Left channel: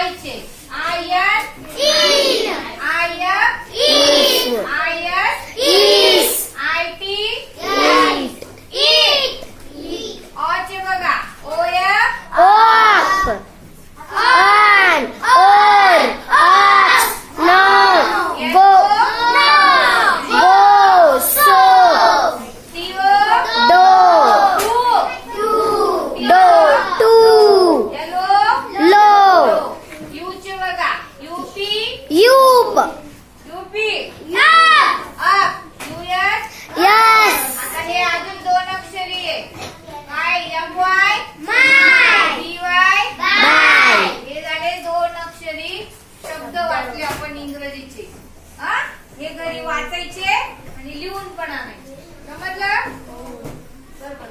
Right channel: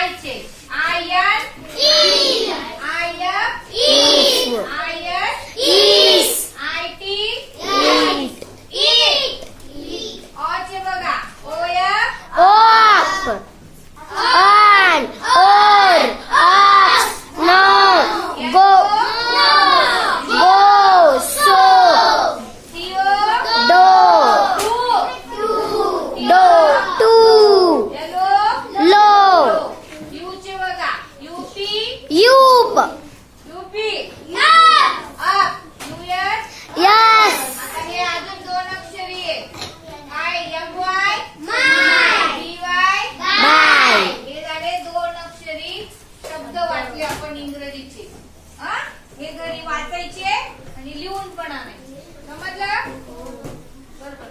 आयचे आयन इन आयफ इन आयस इस आयटी इट इट ऑचे बघा ओयफ ओप on or ox no go go so टीओ डो डो टू लो यूचे बघा यूपी यूप यूपी अप यूएस यस आता हे अजून दोन अक्षरी आहे काय एमवाय बीवाय बाय हे झाले दोन अक्षरी शब्द वाचले आपण इंग्रजीचे. हे घरी वाचायचे आणि लिहून पण आणायचे. समजलं? बरोबर.